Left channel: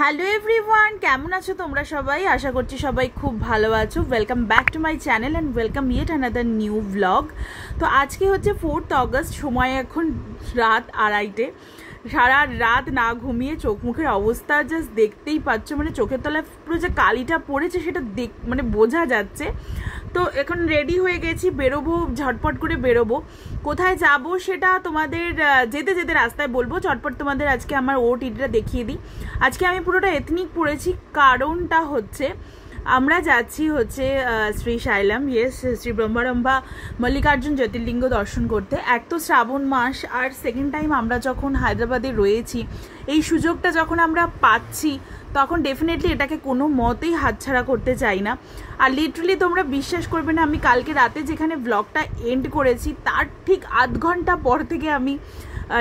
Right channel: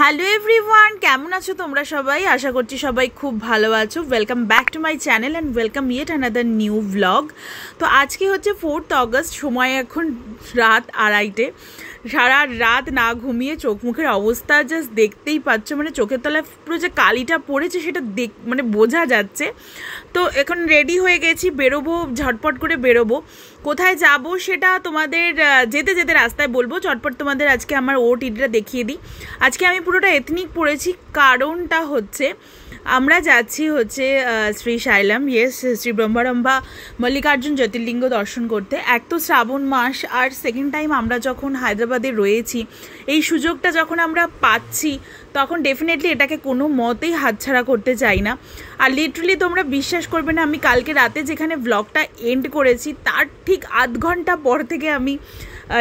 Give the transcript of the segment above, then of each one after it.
Hello everyone, কেমন আছো তোমরা সবাই? আশা করছি সবাই খুব ভালো আছো। Welcome back to my channel and welcome yet another new vlog. তো আজকে হচ্ছে 4th অগস্ট, সময় এখন রাত 2:30। সারা রাত না ঘুমিয়ে চোখ মুখের অবস্থা জাস্ট দেখতেই পাচ্ছ, মানে চোখের তলায় পুরো যে কালিটা পড়েছে সেটা মানে বোঝা যাচ্ছে। তো এখন রেডি হয়ে গেছি, বেরোবো, ঝটপট করে বেরোবো। কোথায় যাব সেটা তোমাদের যেতে যেতে রাস্তায় বলবো। চটপট তোমাদের আজকে আমার ওটিটা দেখিয়ে দিই। আজকে আমি পুরোটা এথনিক পরেছি, কারণটা হচ্ছে আমরা যাচ্ছি হচ্ছে শ্রীশাইলাম, শ্রী ব্রহ্মারম্ভা মল্লিকার্জুন জ্যোতির্লিঙ্গ দর্শন করতে। এক তো শ্রাবণ মাস, আর সেকেন্ড টাইম আমরা যখন হায়দ্রাবাদে রয়েছি, এই সুযোগটা যখন আমরা পাচ্ছি তখন ডেফিনেটলি এটাকে কোনো মতেই হাতছাড়া করতে চাই না। আর লিটারালি তোমরা বিশ্বাস করবে না, আমি কালকে রাতে যেখানে ব্লগটা এন্ড করেছি তার ঠিক আধ ঘন্টা পর থেকে আমি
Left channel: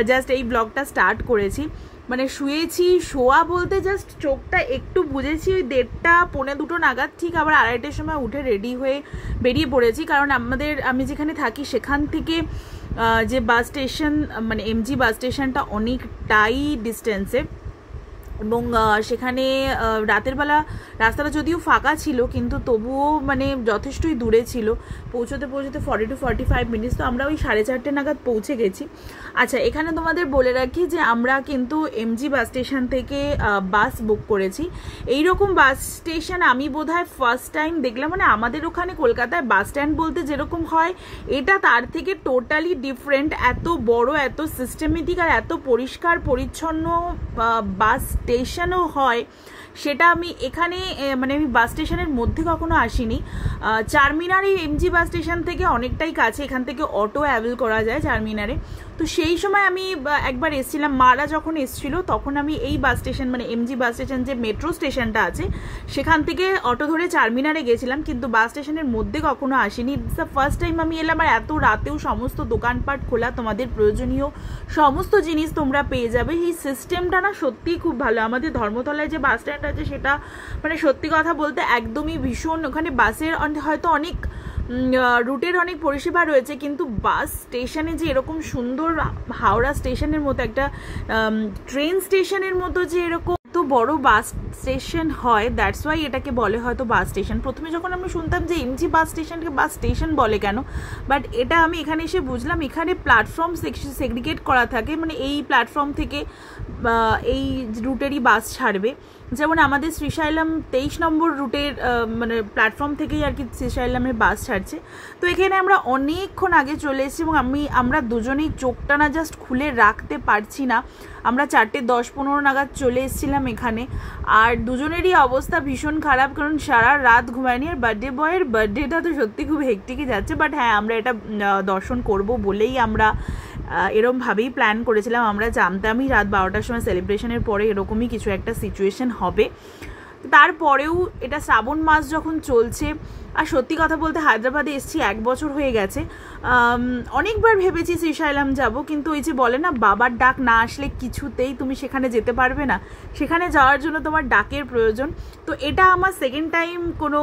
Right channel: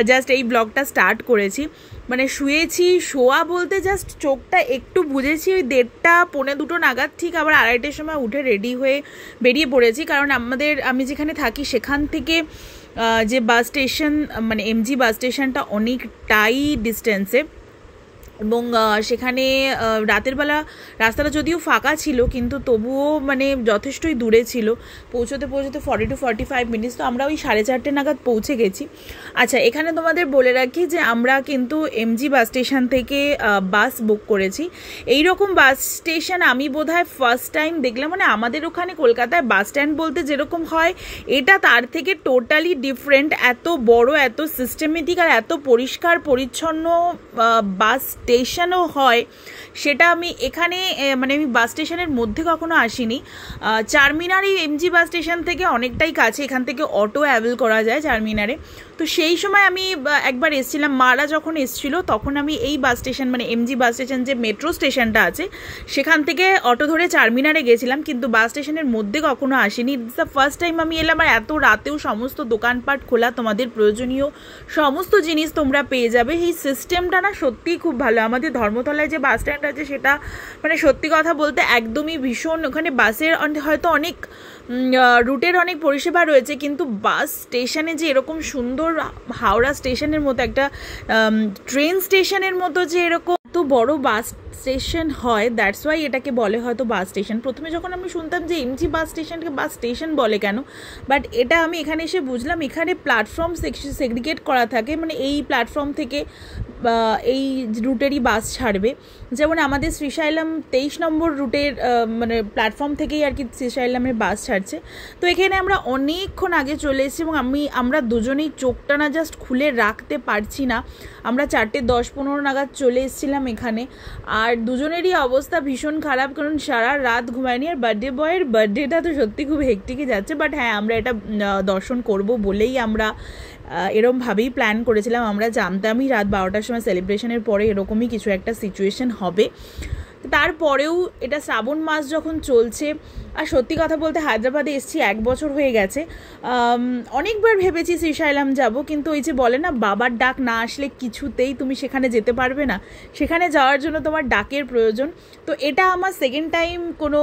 জাস্ট এই ব্লগটা স্টার্ট করেছি। মানে শুয়েছি, শোয়া বলতে জাস্ট চোখটা একটু বুঝেছি ওই 1:30 পৌনে 2 নাগাদ, ঠিক আবার 2:30টার সময় উঠে রেডি হয়ে বেরিয়ে পড়েছি। কারণ আমি যেখানে থাকি সেখান থেকে যে বাস স্টেশন, মানে এমজি বাস স্টেশনটা অনেকটাই ডিস্টেন্সে, এবং সেখানে রাতের বেলা রাস্তাটা যদিও ফাঁকা ছিল কিন্তু তবুও মানে যথেষ্টই দূরে ছিল। পৌঁছতে 40 to 45 মিনিটস। তো আমরা ওই 4:30 নাগাদ পৌঁছে গেছি। আচ্ছা, এখানে তোমাদের বলে রাখি যে আমরা কিন্তু এমজি বাস স্টেশন থেকে বাস বুক করেছি। এইরকম বাস স্টেশন আমি বোধহয় ফার্স্ট টাইম দেখলাম। মানে আমাদের ওখানে কলকাতায় বাস স্ট্যান্ড বলতে যেরকম হয়, এটা তার থেকে টোটালি ডিফারেন্ট। এত বড়, এত সিস্টেমেটিক আর এত পরিষ্কার পরিচ্ছন্ন বাস স্টেশনও হয়, সেটা আমি এখানে মানে আমি বাস স্টেশনের মধ্যে কখনো আসিনি। চারমিনার এই এমজি বাস স্টেশন থেকে অনেকটাই কাছে, এখান থেকে অটো অ্যাভেল করা যায় চারমিনারে। তো সেই সময় আমি একবার এসেছিলাম, মারা যখন এসেছিল তখন আমি এই বাস স্টেশন, মানে এমজি বাস স্টেশন যে মেট্রো স্টেশনটা আছে সেখান থেকে অটো ধরে চারমিনারে গেছিলাম, কিন্তু বাস স্টেশনের মধ্যে কখনো আসিনি। ইটস দ্য ফার্স্ট টাইম আমি এলাম। আর এত রাতেও সমস্ত দোকানপাট খোলা, তোমাদের প্রয়োজনীয় সমস্ত জিনিস তোমরা পেয়ে যাবে। এই সিস্টেমটা না সত্যিই খুব ভালো। আমাদের ধর্মতলায় যে বাস স্ট্যান্ড আছে সেটা মানে সত্যি কথা বলতে একদমই ভীষণ, ওখানে বাসের হয়তো অনেক রুটের অনেক পরিষেবা রয়েছে, কিন্তু বাস স্টেশনে যে এরকম সুন্দর হাওড়া স্টেশনের মতো একটা ট্রেন স্টেশনের মতো যে এরকম তো বড় বাস স্টেশন হয়, দ্যাটস ওয়াই এটাকে বলে হয়তো বাস স্টেশন। প্রথমে যখন আমি শুনতাম যে এমজি বাস স্টেশনকে বাস স্টেশন বলে কেন, বাট এটা আমি এখানে এসে বুঝলাম এখানে প্ল্যাটফর্ম সেগ্রিগেট করা থাকে। মানে এই প্ল্যাটফর্ম থেকে এই রুটেরই বাস ছাড়বে। যেমন আমাদের শ্রীশাইলাম 23 নম্বর রুটের মানে প্ল্যাটফর্ম থেকেই আর কি শ্রীশাইলামের বাস ছাড়ছে। তো এখানে আমরা অনেকক্ষণ আগে চলে এসেছি এবং আমরা দুজনেই চোখটা না জাস্ট খুলে রাখতে পারছি না। আমরা 4:10-15 নাগাদ চলে এসেছিলাম এখানে, আর দুজনেরই অবস্থা ভীষণ খারাপ, কারণ সারা রাত ঘুমায়নি। আর বার্থডে বয়ের বার্থডেটা তো সত্যি খুব হেক্টিকই যাচ্ছে, বাট হ্যাঁ আমরা এটা দর্শন করব বলেই আমরা এরমভাবেই প্ল্যান করেছিলাম। আমরা জানতামই রাত 12টার সময় সেলিব্রেশনের পরে এরকমই কিছু একটা সিচুয়েশন হবে। তারপরেও এটা শ্রাবণ মাস যখন চলছে, আর সত্যি কথা বলতে হায়দ্রাবাদে এসেছি 1 বছর হয়ে গেছে। অনেকবার ভেবেছি শ্রীশাইলাম যাব, কিন্তু ওই যে বলে না বাবার ডাক না আসলে কিছুতেই তুমি সেখানে যেতে পারবে না। সেখানে যাওয়ার জন্য তোমার ডাকের প্রয়োজন। তো এটা আমার সেকেন্ড টাইম কোনো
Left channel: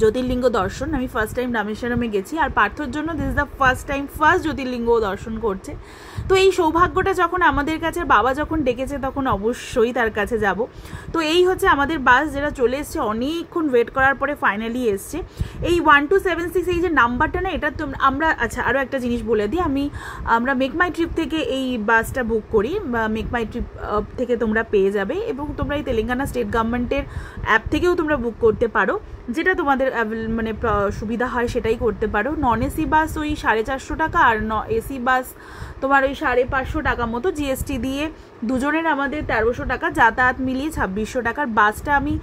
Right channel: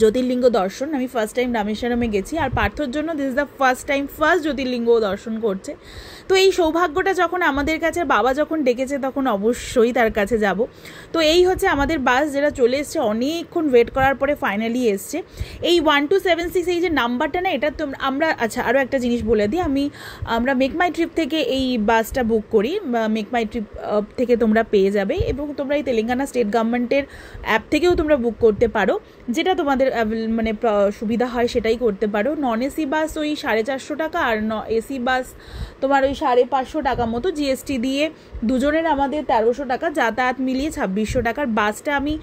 জ্যোতির্লিঙ্গ দর্শন। আমি ফার্স্ট টাইম রামেশ্বরমে গেছি, আর পার্থর জন্য দিস ইজ দ্য ফার্স্ট জ্যোতির্লিঙ্গ দর্শন করছে। তো এই সৌভাগ্যটা যখন আমাদের কাছে, বাবা যখন ডেকেছে তখন অবশ্যই তার কাছে যাব। তো এই হচ্ছে আমাদের বাস, যেটা চলে এসছে। অনেকক্ষণ ওয়েট করার পরে ফাইনালি এসছে। এই 1276 এই যে নাম্বারটা না, এটা তো আমরা, আচ্ছা আরও একটা জিনিস বলে দিই, আমরা মেক মাই ট্রিপ থেকে এই বাসটা বুক করি। মেক মাই ট্রিপ থেকে তোমরা পেয়ে যাবে, এবং তোমরা এই তেলেঙ্গানা স্টেট গভর্নমেন্টের অ্যাপ থেকেও তোমরা বুক করতে পারো, যেটা তোমাদের মানে সুবিধা হয় সেটাই করতে পারো। নন এসি বাস ওই 450 টাকা, আর এসি বাস তোমার ওই 550 টাকা মতো, জিএসটি দিয়ে দুজনের আমাদের 1300 টাকা, যাতায়াত মিলিয়ে 2600 টাকার। বাসটা আমি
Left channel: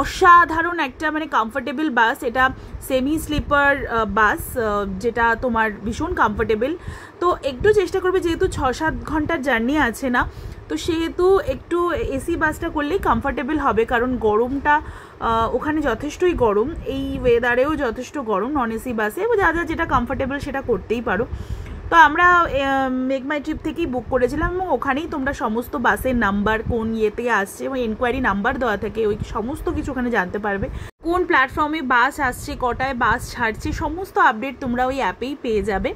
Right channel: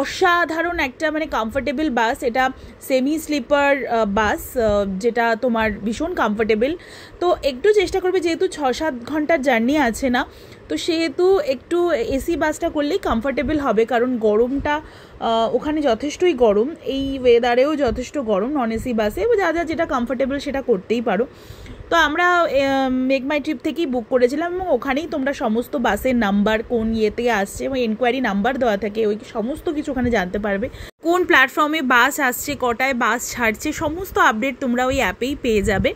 অসাধারণ একটা মানে কমফোর্টেবল বাস, এটা সেমি স্লিপার বাস, যেটা তোমার ভীষণ কমফোর্টেবল। তো একটু চেষ্টা করবে, যেহেতু 6-7 ঘন্টার জার্নি আছে না, তো সেহেতু একটু এসি বাসটা করলেই কমফোর্টেবল হবে, কারণ গরমটা ওখানে যথেষ্টই গরম, এই ওয়েদারেও যথেষ্ট গরম। নন এসি বাসে যা যেটা কমফোর্টেবল সেটা করতেই পারো। তো আমরা মেক মাই ট্রিপ থেকেই বুক করেছিলাম, এবং ওখানেই তোমরা সমস্ত বাসের নাম্বার, কোন ইয়েতে আসছে, এবং এনকোয়ারি নাম্বার দেওয়া থাকে, ওই সমস্ত কিছু ওখানে জানতে পারবে। কোন প্ল্যাটফর্মে বাস আসছে, কটায় বাস ছাড়ছে, সমস্ত আপডেট তোমরা ওই অ্যাপেই পেয়ে যাবে।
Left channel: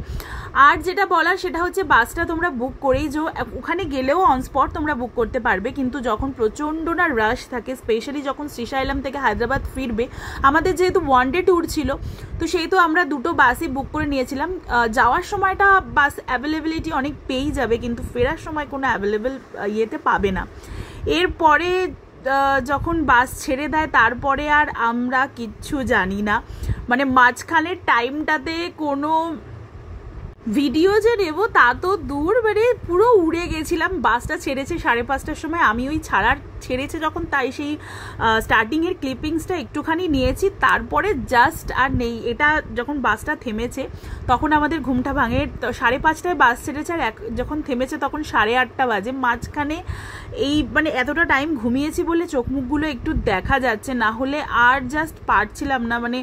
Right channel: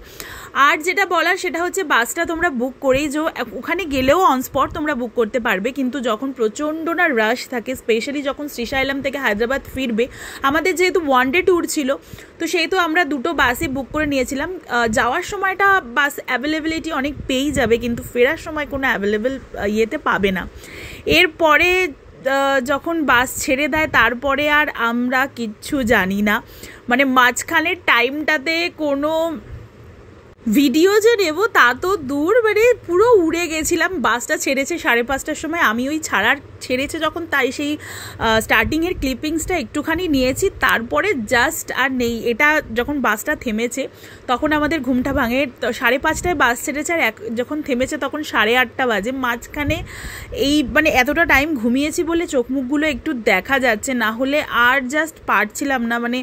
আর যেটা বলার সেটা হচ্ছে বাসটা তোমরা বুক করেই যে ওখানে গেলেও অন স্পট তোমরা বুক করতে পারবে, কিন্তু যখন প্রচণ্ড না রাশ থাকে, স্পেশালি যখন শ্রীশাইলাম থেকে হায়দ্রাবাদ ফিরবে, আমাদের যেহেতু ওয়ান ডে ট্যুর ছিল তো সেহেতু আমরা দুটো বাসই বুক করে নিয়েছিলাম। যাওয়ার সময়টা বাস অ্যাভেলেবিলিটি অনেক পেয়েই যাবে, কিন্তু ফেরার সময় কোনো অ্যাভেলেবেল ইয়েতে পাবে না। এরপরে যখন বাস ছেড়ে দেয় তারপরে আর আমরা কিচ্ছু জানি না, মানে মাঝখানের টাইমটাতে কোনো ভিডিও যে নেবো তা তো দূর, মানে পুরো উড়ে গেছিলাম। বাসটা ছেড়েছে 5:30টার সময়, আমি ওই ছেড়েছে যখন তাই সেই স্টার্টিংয়ের ক্লিপিংসটা একটুখানি নিয়েছি, তারপরে জাস্ট আর নেই। এটা যখন বাসটা থেমেছে তখন আমাদের ঘুমটা ভাঙে। 5:30টায় বাস ছেড়েছে আর যখন থেমেছে তখন 8:30 বাজে। মাঝখানে এই মানে এতটা টাইম ঘুমিয়েছি বলে চোখ মুখগুলো একটু দেখা যাচ্ছে, না হলে আর জাস্ট পারছিলাম না। মানে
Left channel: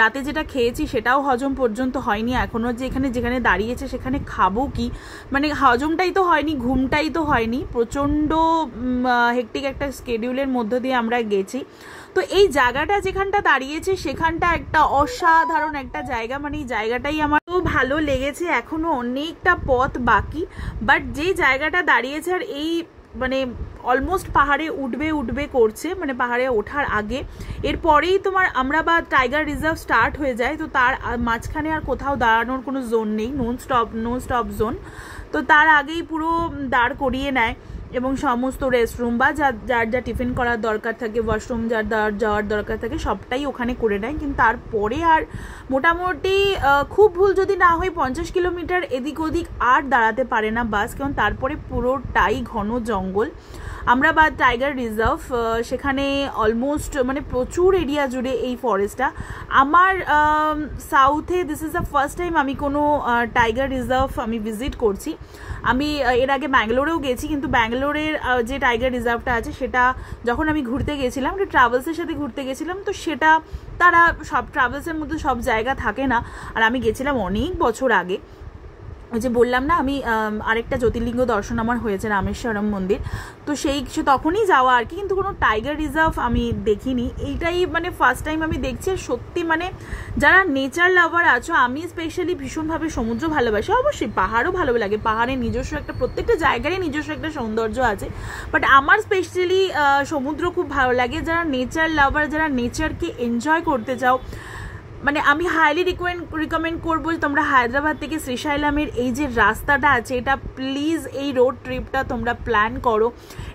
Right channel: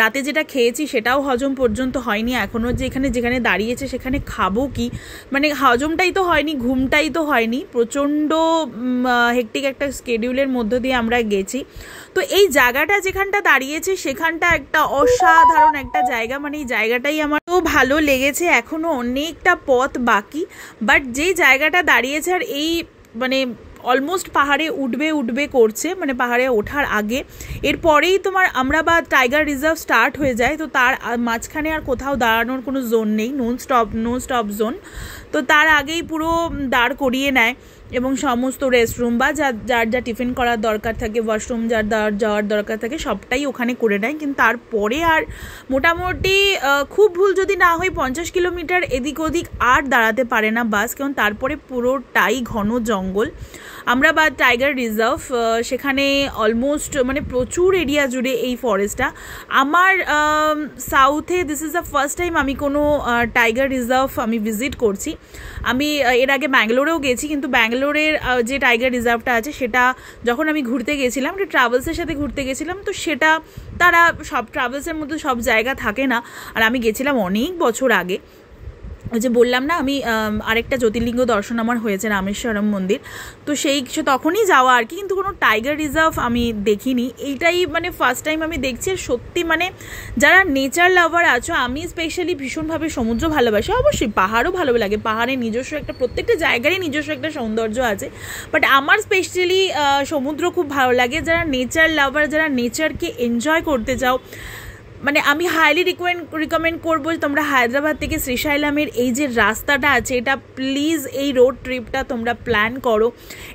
রাতে যেটা খেয়েছি সেটাও হজম পর্যন্ত হয়নি এখনও, যে যেখানে দাঁড়িয়েছে সেখানে খাবো কি, মানে হজমটাই তো হয়নি, ঘুমটাই তো হয়নি। প্রচণ্ড হেক্টিক একটা স্কেডিউলের মধ্য দিয়ে আমরা গেছি। তো এই জায়গাটা যেখানটা দাঁড়িয়েছে সেখানটা একটা অসাধারণ একটা জায়গা, মানে এই জায়গাটাই আমার তো ভালো লেগেছে। এখনও অনেকটা পথ বাকি, বাট যেই জায়গাটা দাঁড়িয়েছে আর এই মানে অলমোস্ট পাহাড়ে উঠবে করছে, মানে পাহাড়ে ওঠার আগে এরপরেই তোমার আমরাবাদ টাইগার রিজার্ভ স্টার্ট হয়ে যায়। তো তার মাঝখানে আর কোথাও দাঁড়ানোর কোনো জোন নেই, নো স্টপ জোন। তো তার আগেই পুরো দাঁড় করিয়ে নেয় এবং সমস্ত রেস্টরুম বা যার যা টিফিন করার দরকার থাকে, ওয়াশরুম যার যাওয়ার দরকার থাকে সবটাই ওখানে করে নেয়। কিন্তু তারপরে আর মোটামুটি খুব ভুল যদি না হয় 50 কিলোমিটার এদিক ওদিক আর দাঁড়াতে পারে না বাস, কারণ তারপরে পুরোটাই ঘন জঙ্গল। আমরাবাদ টাইগার রিজার্ভ, সেখানে অলমোস্ট মানে প্রচুর এরিয়া জুড়ে এই ফরেস্টটা। আমার সাউথে this is the first time আমি কোনো টাইগার রিজার্ভ আমি ভিজিট করছি। আমি এর আগে ব্যাঙ্গালোরেও গেছি, কিন্তু ব্যাঙ্গালোরের যে টাইগার রিজার্ভটা আছে সেটা যখন আমি ঘুরতে গেছিলাম, একটা ট্রাভেলসের সাথে ঘুরতে গেছিলাম, তো সেটা তারা সব ট্রাভেলসের মধ্যে সব জায়গা থাকে না। আর আমি গেছিলাম অনেক বছর আগে, যে বললাম না আমি আরেকটা জ্যোতির্লিঙ্গ দর্শন আমার হয়েছে রামেশ্বরম মন্দির, তো সে তখনই যাওয়া আর কি, কিন্তু কোনো টাইগার রিজার্ভ আমি দেখিনি। এইটাই মানে ফার্স্ট টাইম আমি দেখছি। সত্যি মানে যারা নেচার লাভার আছো, আমি স্পেশালি ভীষণভাবে সমুদ্র ভালোবাসি, অবশ্যই পাহাড়ও ভালো লাগে, পাহাড়ে নিজস্ব একটা প্রত্যেকটা জায়গারই নিজস্ব একটা সৌন্দর্য আছে, বাট আমার স্পেশালি সমুদ্র খুব ভালো লাগে। যারা নেচার লাভার, যারা নেচারকে এনজয় করতে চাও, মানে আমি হাইলি রিকমেন্ড করবো যে তোমরা হায়দ্রাবাদ থেকে শ্রীশাইলামের এই যে রাস্তাটা আছে, এটা প্লিজ এই রোড ট্রিপটা তোমরা প্ল্যান করো।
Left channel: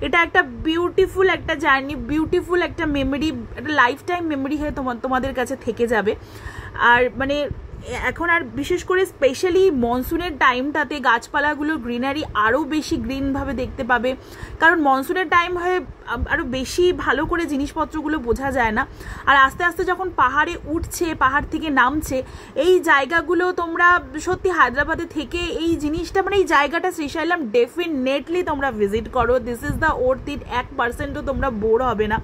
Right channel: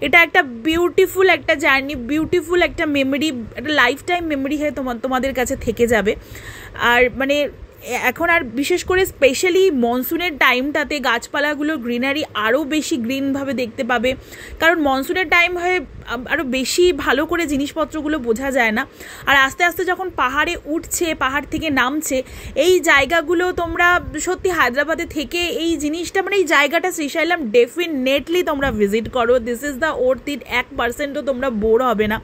এটা একটা বিউটিফুল একটা জার্নি, বিউটিফুল একটা মেমোরি, একটা লাইফ টাইম মেমোরি হয়ে তোমাদের কাছে থেকে যাবে। আর মানে এখন আর বিশেষ করে স্পেশালি মনসুনের টাইমটাতে গাছপালাগুলো গ্রিনারি আরও বেশি গ্রিনভাবে দেখতে পাবে, কারণ মনসুনের টাইম হয়ে আরও বেশি ভালো করে জিনিসপত্রগুলো বোঝা যায় না। আর আস্তে আস্তে যখন পাহাড়ে উঠছে, পাহাড় থেকে নামছে, এই জায়গাগুলো তোমরা সত্যি হায়দ্রাবাদে থেকে এই জিনিসটা মানে এই জায়গাটা শ্রীশাইলাম ডেফিনেটলি তোমরা ভিজিট করো। This is the worth it, 1%ও তোমরা বোর হবে না।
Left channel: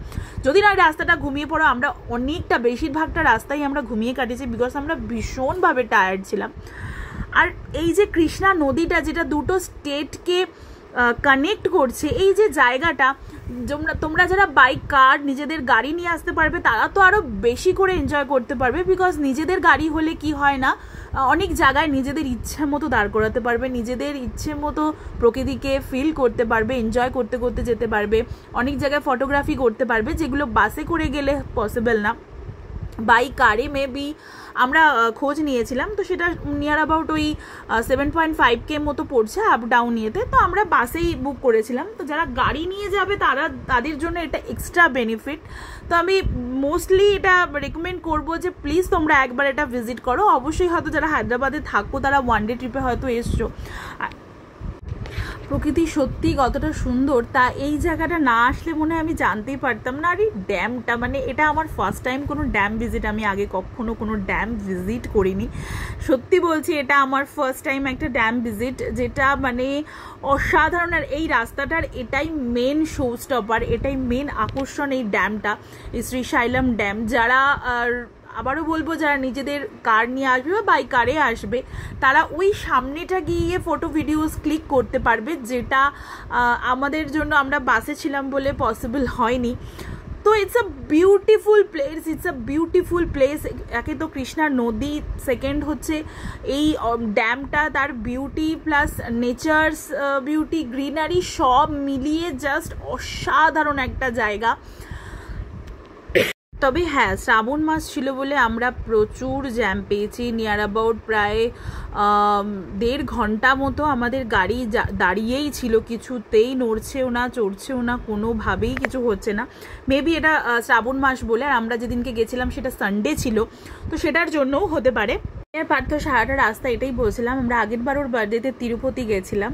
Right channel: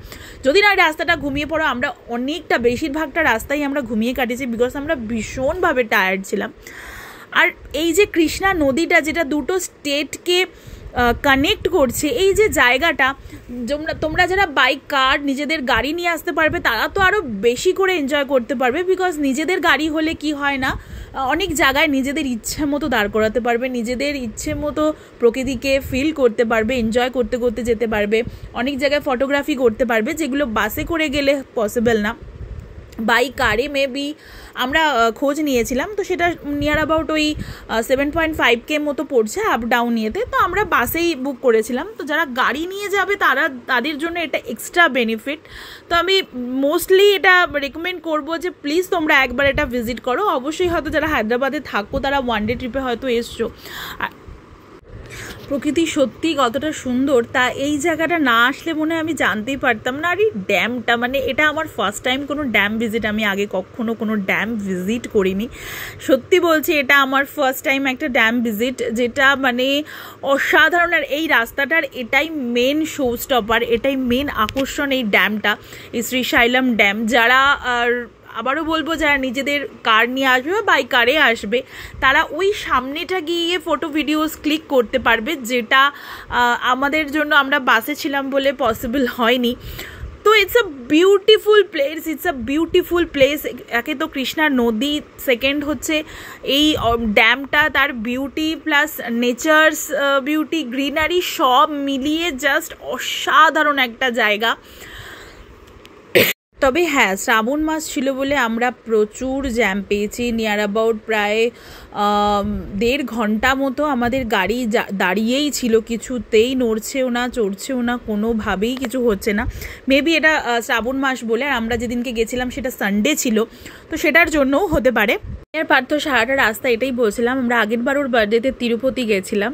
যদি না রাস্তাটা ঘুমিয়ে পড়ো, আমরা অনেকটা বেশিরভাগটা রাস্তাই আমরা ঘুমিয়ে কাটিয়েছি, বিকজ আমরা ভীষণভাবে টায়ার্ড ছিলাম। আর এই যে কৃষ্ণা নদীটা যেটা দুটো স্টেটকে কানেক্ট করছে, এই যে জায়গাটা, তোমরা যারা বাইক কার নিজেদের গাড়ি নিয়ে আসতে পারবে তারা তো আরও বেশি করে এনজয় করতে পারবে, বিকজ নিজেদের গাড়ি হলে কি হয় না, অনেক জায়গায় নিজেদের ইচ্ছে মতো দাঁড় করাতে পারবে, নিজেদের ইচ্ছে মতো প্রকৃতিকে ফিল করতে পারবে, এনজয় করতে করতে যেতে পারবে, অনেক জায়গায় ফটোগ্রাফি করতে পারবে, যেগুলো বাসে করে গেলে পসিবল না। বাই কারে মেবি আমরা খোঁজ নিয়েছিলাম, তো সেটা নিয়ার অ্যাবাউট ওই 7.5K মতো পড়ছে আপ ডাউন ইয়েতে, তো আমরা বাসেই বুক করেছিলাম। তো যারা গাড়ি নিয়ে যাবে তাদের জন্য এটা এক্সট্রা বেনিফিট। তো আমি মোস্টলি এটা রেকমেন্ড করবো যে প্লিজ তোমরা একবার এটা ভিজিট করো। অবশ্যই হয়তো যারা হায়দ্রাবাদে থাকো তারা ওয়ান ডে ট্রিপে হয়তো এসছো। প্রকৃতি সত্যি কতটা সুন্দর তা এই জায়গাটা না আসলে মনে হয় আমি জানতেই পারতাম না। আর এই ড্যামটা, মানে এটা আমার ফার্স্ট টাইম কোনো ড্যাম ভিজিট, আমি আগে কখনো কোনো ড্যাম ভিজিট করিনি। সত্যি বলছি এটা আমার ফার্স্ট টাইম একটা ড্যাম ভিজিট, যেটা মানে অসাধারণ। আর এই রাস্তাটার এটাই মেন শো স্টপার, এটাই মেন আকর্ষণ এই ড্যামটা, এই শ্রীশাইলাম ড্যাম। যারা আবারও বলবো যারা নিজেদের কার নিয়ে আসবে বা বাই কারে আসবে তারা ওই সামনেটা গিয়ে ফটো ভিডিওস ক্লিক করতে পারবে, যেটা আমাদের জন্য আমরা বাসে ছিলাম বলে পসিবল হয়নি। তো ইটস আ বিউটিফুল প্লেস। একে তো কৃষ্ণার নদী, সেকেন্ড হচ্ছে এই ড্যামটা, তার beauty plus nature's beauty, greenery সব মিলিয়ে জাস্ট অসাধারণ একটা জায়গা। তবে হ্যাঁ, শ্রাবণ মাস ছিল বলে আমরা প্রচুর জ্যাম পেয়েছি। নিয়ার অ্যাবাউট প্রায় 1.5 ঘন্টা মতো আমাদের গাড়ি দাঁড়িয়েই ছিল, কিছুতেই নড়ছেও না চড়ছেও না, কোনোভাবেই কিছু হচ্ছে না। মেবি এটা শ্রাবণ মাস বলে, আর আমরা যেদিনকে গেছিলাম সেটা সানডে ছিল, তো সেটার জন্যও হতে পারে। এর পার্থ সারাটা রাস্তা এটাই বলছিলাম, আমরা আগের বার ওর বার্থডেতে তিরুপতি গেছিলাম,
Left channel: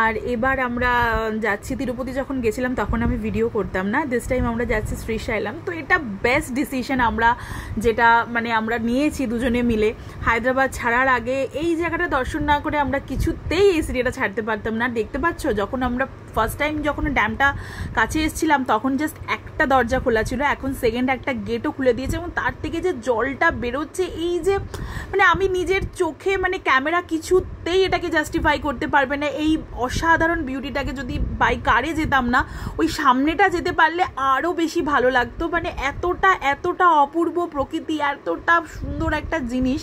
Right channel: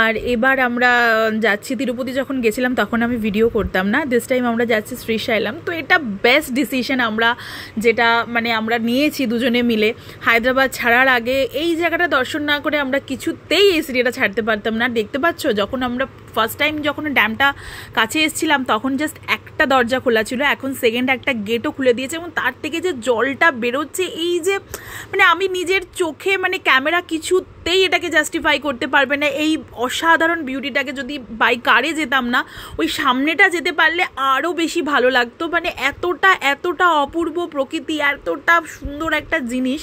আর এবার আমরা যাচ্ছি। তিরুপতি যখন গেছিলাম তখন আমি ভিডিও করতাম না, দিস টাইম আমরা যাচ্ছি শ্রীশৈলম। তো এটা বেস্ট ডিসিশন আমরা যেটা মানে আমরা নিয়েছি দুজনে মিলে। হায়দ্রাবাদ ছাড়ার আগে এই জায়গাটা দর্শন না করে আমরা কিছুতেই এই সিটিটা ছাড়তে পারতাম না। দেখতে পাচ্ছ, যখন আমরা ফার্স্ট টাইম যখন ড্যামটা কাছে এসেছিলাম তখন জাস্ট একটা দরজা খোলা ছিল, এখন সেকেন্ড একটা গেটও খুলে দিয়েছে, এবং তার থেকে যে জলটা বেরোচ্ছে, এই যে মানে আমি নিজের চোখে মানে ক্যামেরা কিছুতেই এটাকে জাস্টিফাই করতে পারবে না। এই অসাধারণ বিউটিটাকে যদি বাই কারে যেতাম না, ওই সামনেটা যেতে পারলে আরও বেশি ভালো লাগতো। মানে এতটা অপূর্ব প্রকৃতি, এতটা সুন্দর একটা জিনিস।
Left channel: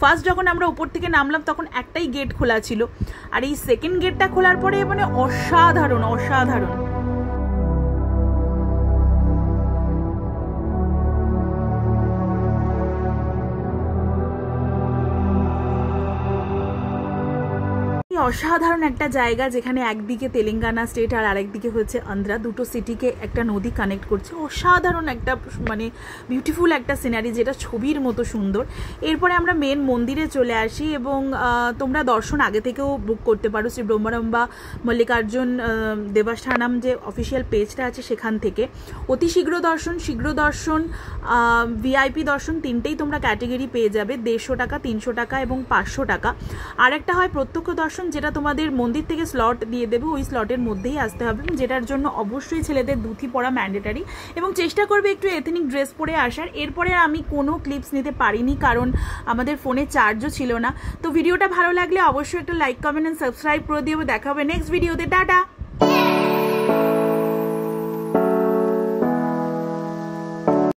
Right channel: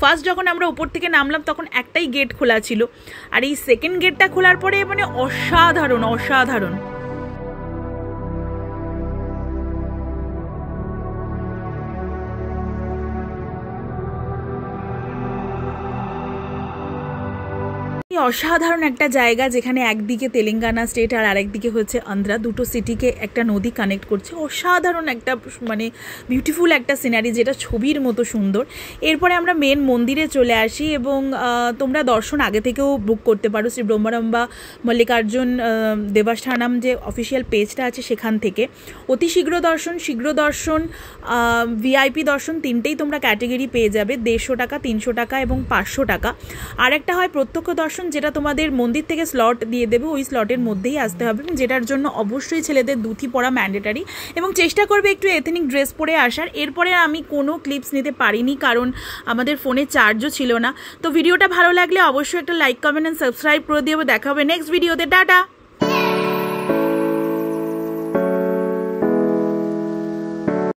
ফার্স্ট যখন আমরা উপর থেকে নামলাম তখন একটাই গেট খোলা ছিল, আর এই সেকেন্ড গেটটা খোলার পরে মানে অসাধারণ। অসাধারণ একটা জায়গা, যেখানে একদিকে তেলেঙ্গানা স্টেট আর আরেকদিকে হচ্ছে আন্ধ্রা, দুটো সিটিকে একটা নদী কানেক্ট করছে। অসাধারণ একটা মানে বিউটিফুল একটা সিনারি, যেটা ছবির মতো সুন্দর। এরপরে আমরা মেন মন্দিরে চলে আসি, এবং তোমরা দর্শন আগে থেকেও বুক করতে পারো শ্রী ব্রহ্মারম্বা মল্লিকার্জুন দেবস্থানম যে অফিসিয়াল পেজটা আছে সেখান থেকে। অতি শীঘ্র দর্শন, ভিআইপি দর্শন, তিনটেই তোমরা ক্যাটেগরি পেয়ে যাবে। 150 টাকা, 300 টাকা এবং 500 টাকা। আর একটা হয় প্রত্যক্ষ দর্শন, যেটা তোমাদের মন্দির থেকে স্লট দিয়ে দেবে, ওই স্লটের মধ্যেই আসতে হবে, এবং যেটার জন্য অবশ্যই ছেলেদের ধুতি পরা ম্যান্ডেটারি, এবং চেষ্টা করবে একটু এথনিক ড্রেস পরে আসার। এরপরে আমি কোনো ক্লিপস নিতে পারিনি, কারণ আমাদের ফোনে চার্জও ছিল না। তো ভিডিওটা ভালো লাগলে অবশ্যই একটা লাইক, কমেন্ট অ্যান্ড সাবস্ক্রাইব করে দিও। দেখা হবে নেক্সট ভিডিওতে। টাটা।